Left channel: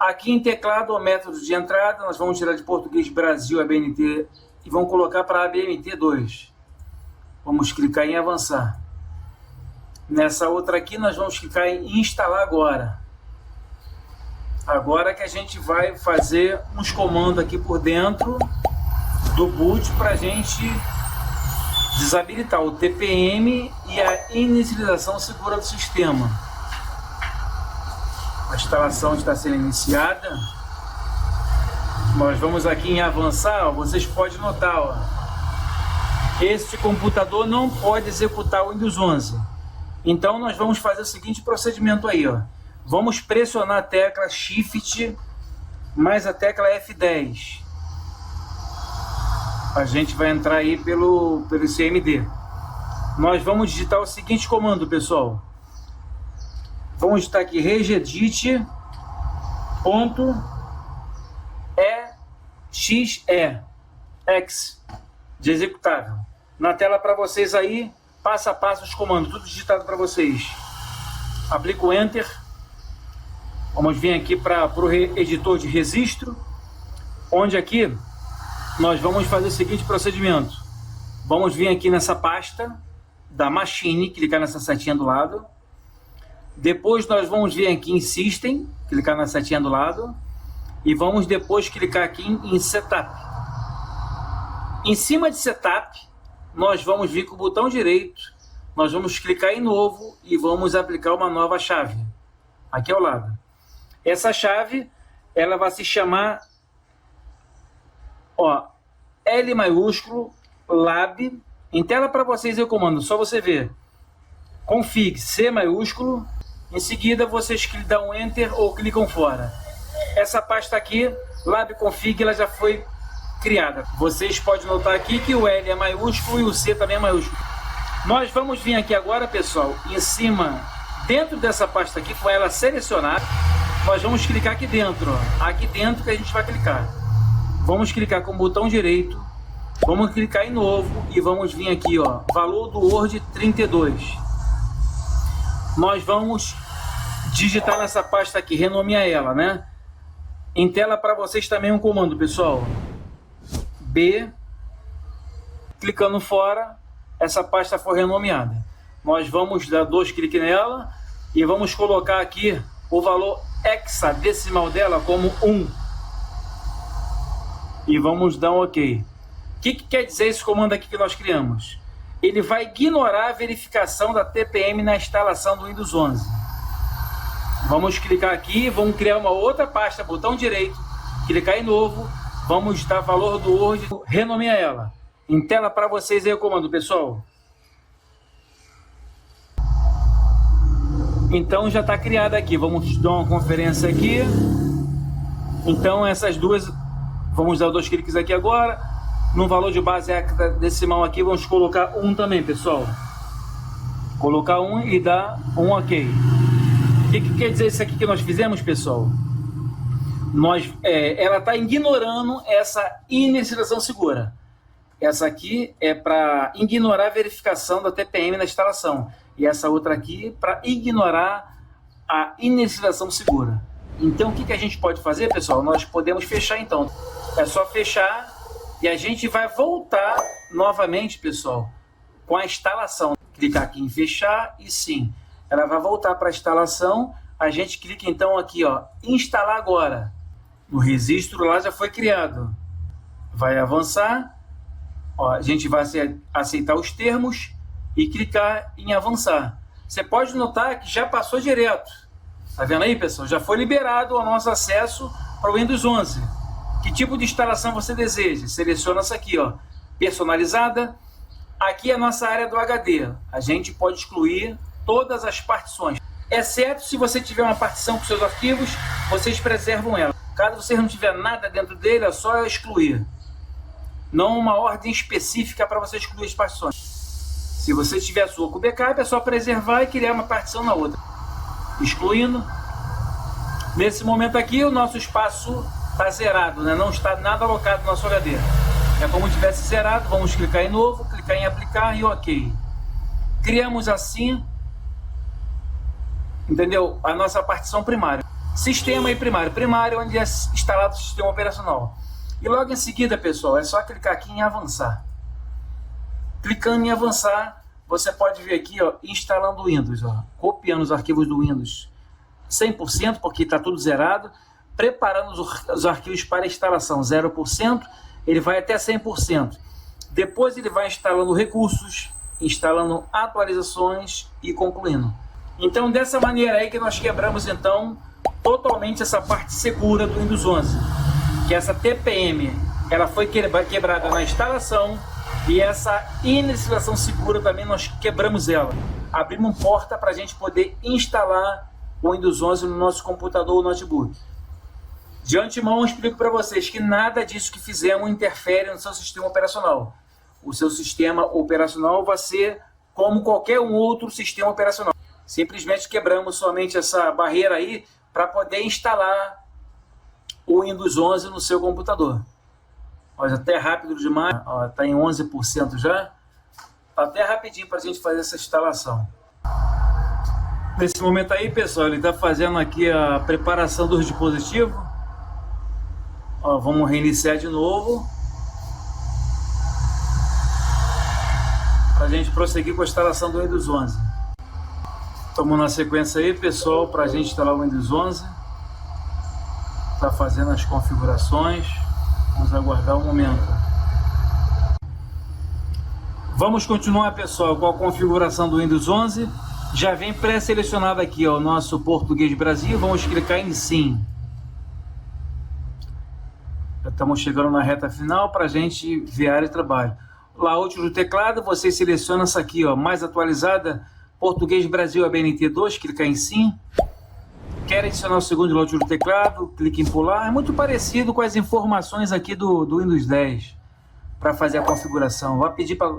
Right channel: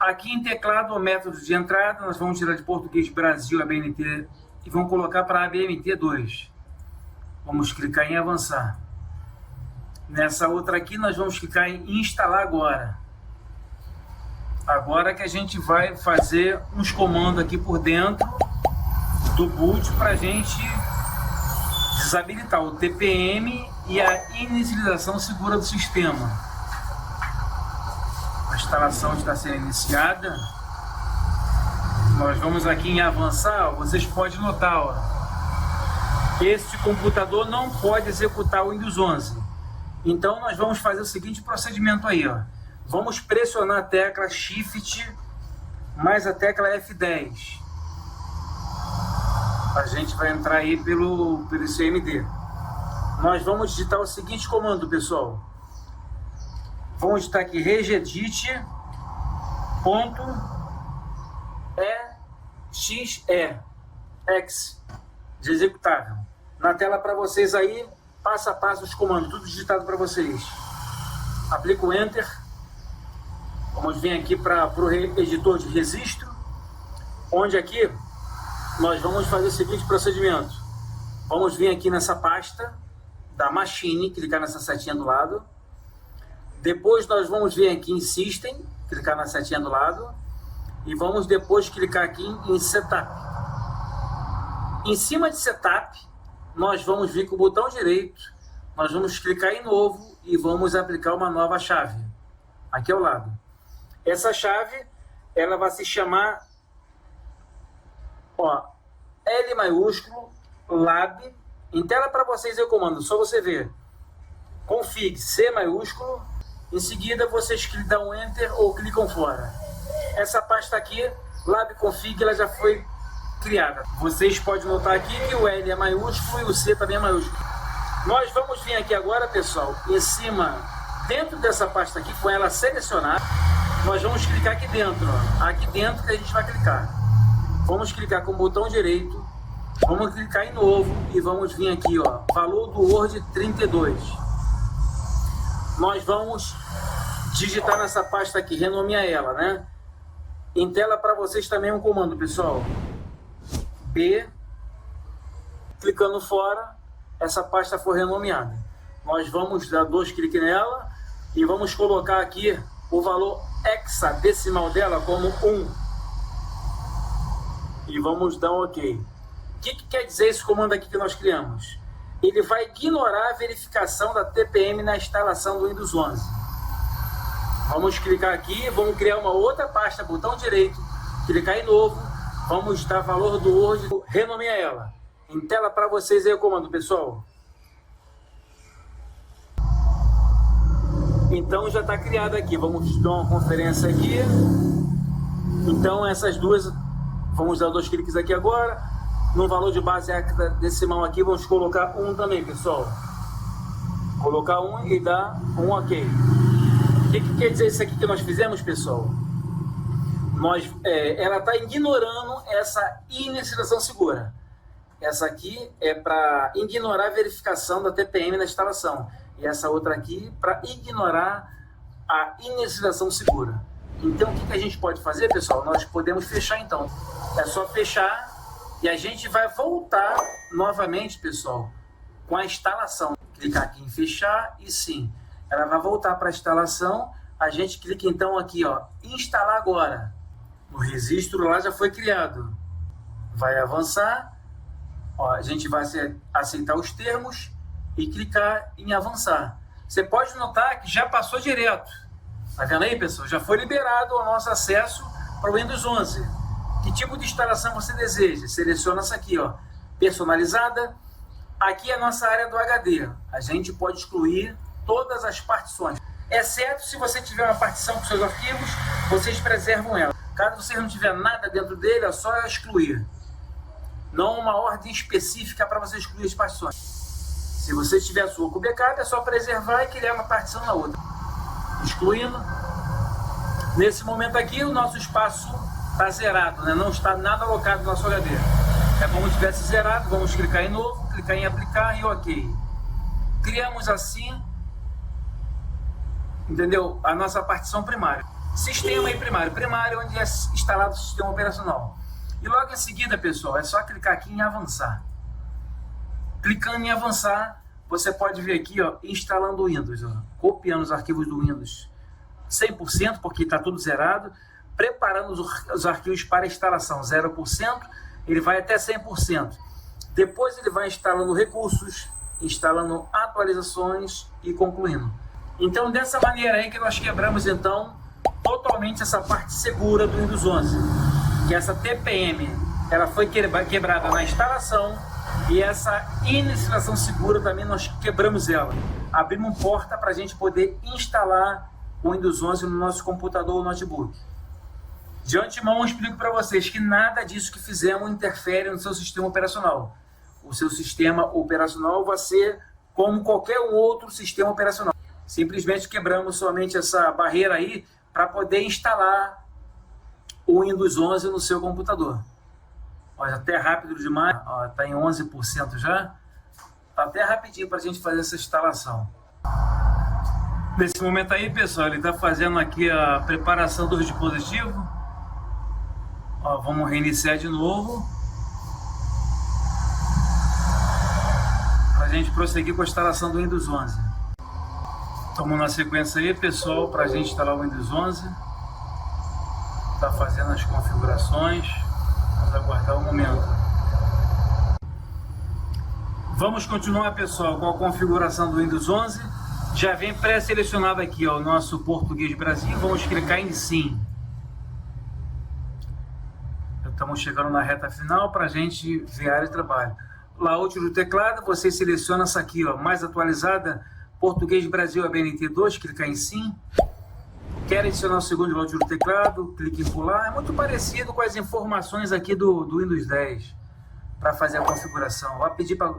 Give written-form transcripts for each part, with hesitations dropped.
Aqui em teclado, o método de entrada, nós vamos tirar de português Brasil ABNT e vamos colocar para ABNT2. Vamos clicar em avançar. Nessa outra aqui, nós vamos clicar em instalar agora. Agora que a gente vai fazer uns comandos aqui por dentro do boot para a gente desabilitar o TPM e a inicialização segura do sistema. A instalação está sendo iniciada. Nós vamos aqui em avançar, ó, vocês podem notar, ó, esse computador não pode executar o Windows 11. Então nós vamos fazer o seguinte procedimento aí, ó. Vamos pressionar a tecla Shift mais a tecla F10. A gente vai entrar aí pelo CMD. Nós vamos digitar o seguinte comando, pessoal. Vamos digitar aqui regedit.exe X de executável. Na tela para vocês aí, passo a passo os comandos, tudo digitado para vocês. Aplico o Enter. Vamos vir aqui para o editor de registro, onde aqui nós vamos fazer o seguinte procedimento. Vamos vir aqui nessa pasta da Machine, clicar nessa setinha do lado. Depois nós vamos vir aqui em System, clicar na setinha do lado. E vamos depois clicar aqui em Setup. Em cima de Setup, nós vamos vir com o botão direito. Nós vamos clicar em Novo e vamos aplicar uma nova chave. Aqui ao lado. Essa chave, ela vai se chamar, ó, L maiúsculo, Lab. Em tela para vocês eu comando, só você ver. Config C maiúsculo. Em seguida vocês dão um Enter ou clicam fora. Essa pasta aqui, Lab Config, ela já foi criada. Vocês podem notar aqui que o L é maiúsculo e o C também é maiúsculo. Nós vamos vir aqui agora, pessoal, em cima, dentro dessa pasta aqui, com ela selecionada, nós vamos clicar aqui dentro, ó. Aqui dentro que a gente vai clicar. Vamos clicar com o botão direito, vamos clicar em novo e vamos vir aqui, ó, valor do Word 32. Nós vamos digitar nessa pasta aqui, renomear ela, né? Em tela para vocês também um comando, pessoal. B, clicando fora, essa pasta foi renomeada. Nós vamos dar 2 cliques nela e vamos colocar aqui o valor hexadecimal dela como 1. E vamos dar um OK. O que quer dizer esse comando aqui que nós criamos? Ele vai ignorar a verificação da TPM na instalação do Windows 11. Vamos clicar aqui, vamos criar uma outra pasta, botão direito, clicar em novo, vamos dar valor do Word, renomear ela. Em tela para vocês aí o comando, pessoal. Então já está criada aqui, vamos dar uma conferência aqui. Então essas duas, vamos dar 2 cliques aqui agora. No valor de base hexadecimal aqui, vamos colocar 1 também, pessoal. Colocar 1 e dar um OK. O que quer dizer isso aqui que nós fizemos, pessoal? Ela está ignorando essa inicialização segura. Essa aqui é para ignorar a verificação da TPM na instalação. E essa outra aqui para ignorar a inicialização segura. Então, o que a gente pode fazer, pessoal? Nós podemos fechar, então. É só fechar e a gente vai voltar novamente, pessoal, com a instalação. Clicar aqui em fechar e sim, ela vai voltar para a instalação. A gente clica então aqui, ó, instalar agora. O registro lá já foi criado. Vai avançar. Ó, a gente vai aceitar os termos e clicar em avançar. Você pode notar que já passou direto. Tá vendo aí, pessoal? Já foi liberado o nosso acesso para o Windows 11. Que tipo de instalação você deseja? Seleciona essa aqui, ó, personalizada. Aqui é a nossa área do HD. A gente pode excluir todas as partições, exceto se você tiver uma partição para os seus arquivos, vocês preservam ela. Caso você não tiver nada dentro dele, é só excluir. Não uma ordem específica para você excluir as partições. Se você tiver a sua com backup, é só preservar e criar uma partição na outra. Excluindo. Nesse momento aqui, o nosso espaço está zerado, né? Não está nada alocado no nosso HD. É como se tivesse zerado, vamos clicar em novo, clicar em aplicar e OK. Criamos assim, entendeu? A nossa partição primária. sistema e primário. Primário, onde é instalado o sistema operacional. E logo em seguida, pessoal, é só clicar aqui em avançar. Clicando em avançar, você pode ver aqui, ó, instalando o Windows, ó, copiando os arquivos do Windows 100%, porque está tudo zerado, preparando os arquivos para instalação 0%, ele vai até 100%. Depois ele vai instalando recursos, instalando atualizações e concluindo. Então, dessa maneira aí que nós quebramos, então, totalmente essa parte segura do Windows 11. Que essa TPM, ela foi quebrada na instalação, e essa inicialização segura também nós quebramos ela. Abrimos porta para a gente poder instalar o Windows 11 no nosso computador ou notebook. De antemão, eu explico para vocês que nada disso que fizemos interfere no seu sistema operacional. O seu sistema operacional vai ser como qualquer um outro sistema operacional. Simplesmente quebramos somente essa barreira aí para poder instalar o Windows 11 no seu computador. Olha, até rápido demais, está em 11% já. Está até rapidinho para a gente fazer essa instalação. Nesse momento aí, pessoal, ele está fazendo aqui a preparação do dispositivo. Ó, vamos reiniciar de novo, para a gente prosseguir com a instalação do Windows 11. Estamos na sequência aí, pessoal, para a gente instalar o Windows 11. Está fazendo as configurações. Vamos aguardar um momento. Vamos continuar, pessoal, com a configuração do Windows 11. Já vem pré-selecionado aqui, ó, o nosso Português Brasil. Vamos clicar em Sim. Já estamos chegando na reta final para a gente ver a área de trabalho. Layout do teclado, você seleciona essa aqui, ó, mais atualizada, Português Brasil ABNT2, clicar em Sim. Quer adicionar o segundo layout do teclado, clique em pular. É muito parecido com as informações aqui do Windows 10 para fazer a configuração. Vai pedir para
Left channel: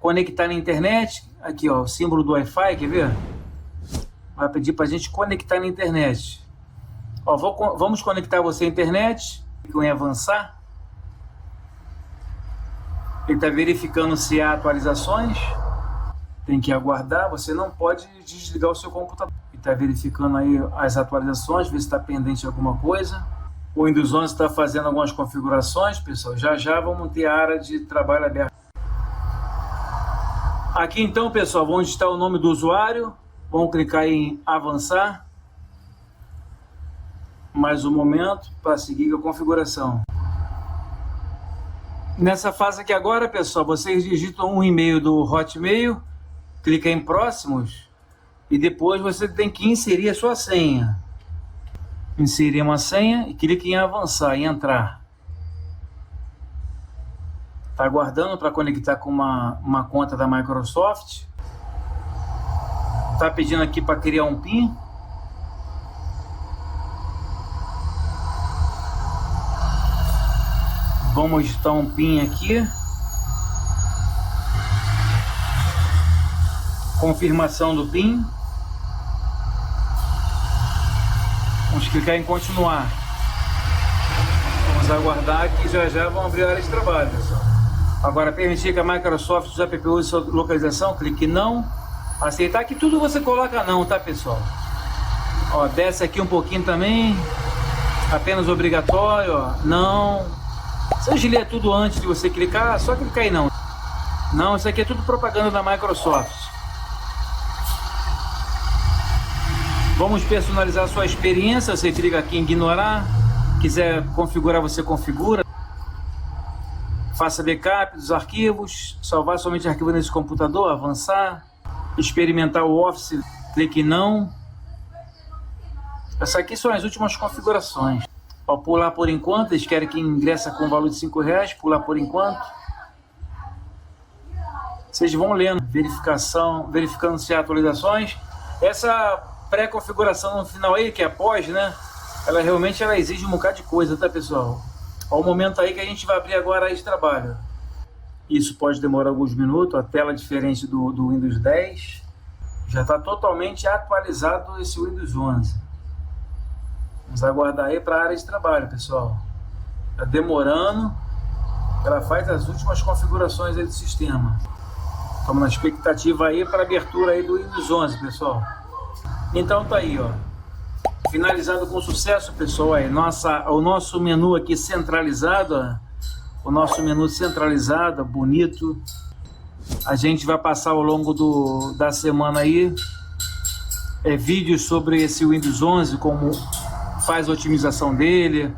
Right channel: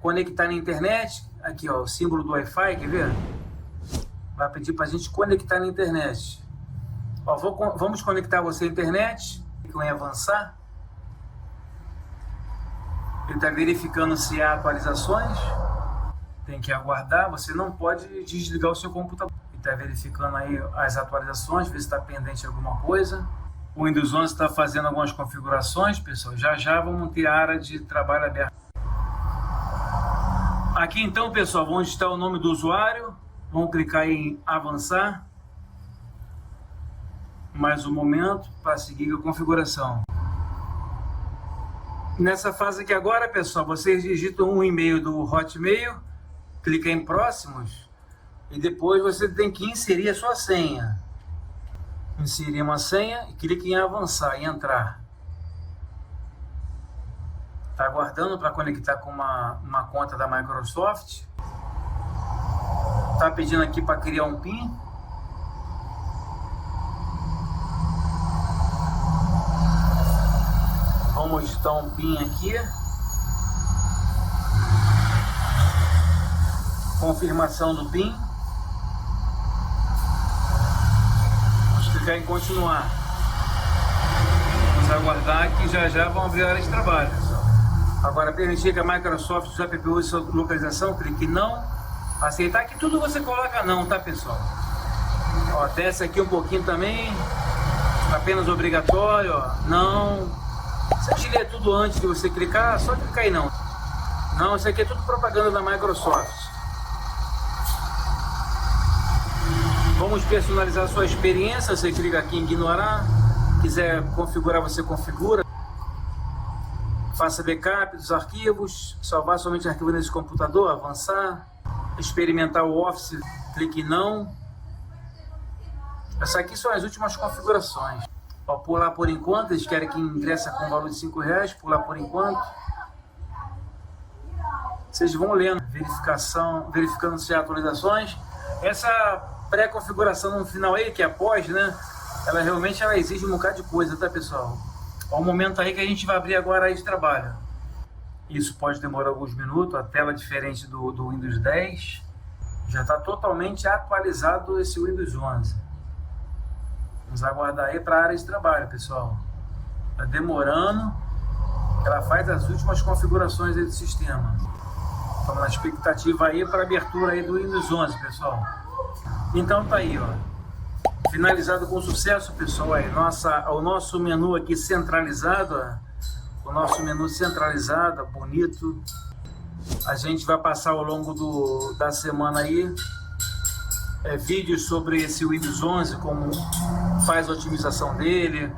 conectar na internet. Aqui, ó, o símbolo do Wi-Fi, quer ver? Vai pedir para a gente conectar na internet. Ó, vamos conectar você à internet. Clique em avançar. Ele está verificando se há atualizações. Tem que aguardar. Você não pode desligar o seu computador. Está verificando aí as atualizações, ver se está pendente alguma coisa. O Windows 11 está fazendo algumas configurações, pessoal. Já vamos ter a área de trabalho aberta. Aqui então, pessoal, vamos digitar o nome do usuário. Vamos clicar em avançar. Mais um momento para seguir a configuração. Nessa fase aqui agora, pessoal, vocês digitam um e-mail do Hotmail, clica em próximos. E depois você tem que inserir a sua senha. Inserir uma senha e clique em avançar, em entrar. Está aguardando para conectar com uma conta da Microsoft. Está pedindo aqui para criar um PIN. Vamos digitar um PIN aqui. Confirmação do PIN. Vamos clicar em continuar. Vamos aguardar que já vão abrir a área de trabalho. Agora, permitir que a Microsoft use a PPU de sua localização, clique em não. Aceitar, que tudo você coloca não, tá, pessoal? Ó, desce aqui um pouquinho também. Apenas obrigatório, ó, não. Se eu ler tudo antes de você clicar, só clicar em não. Não, isso aqui é tudo propaganda da Microsoft. Vamos personalizar a sua experiência. Você clica aqui em ignorar. Quiser configurar, você configura. Faça backup dos arquivos. Salvar somente arquivo nesse computador. Avançar. Experimentar o Office. Clique em não. Essas aqui são as últimas configurações. Ó, pular por enquanto. Eles querem que ingressa com valor de R$5. Pular por enquanto. Vocês vão lendo. Verificando se há atualizações. Essa pré-configuração no final aí, que é após, né? Ela realmente exige um bocado de coisa, tá, pessoal? Ó, o momento aí que a gente vai abrir agora aí de trabalho. Isso pode demorar alguns minutos, a tela diferente do Windows 10. Já está totalmente atualizado esse Windows 11. Vamos aguardar aí para a área de trabalho, pessoal. Está demorando. Ela faz as últimas configurações aí do sistema. Estamos na expectativa aí para a abertura aí do Windows 11, pessoal. Então tá aí, ó. finalizado com sucesso, pessoal. Aí, o nosso menu aqui centralizado, ó, o nosso menu centralizado, bonito. A gente vai passar ao longo da semana aí vídeos sobre esse Windows 11, como faz a otimização dele,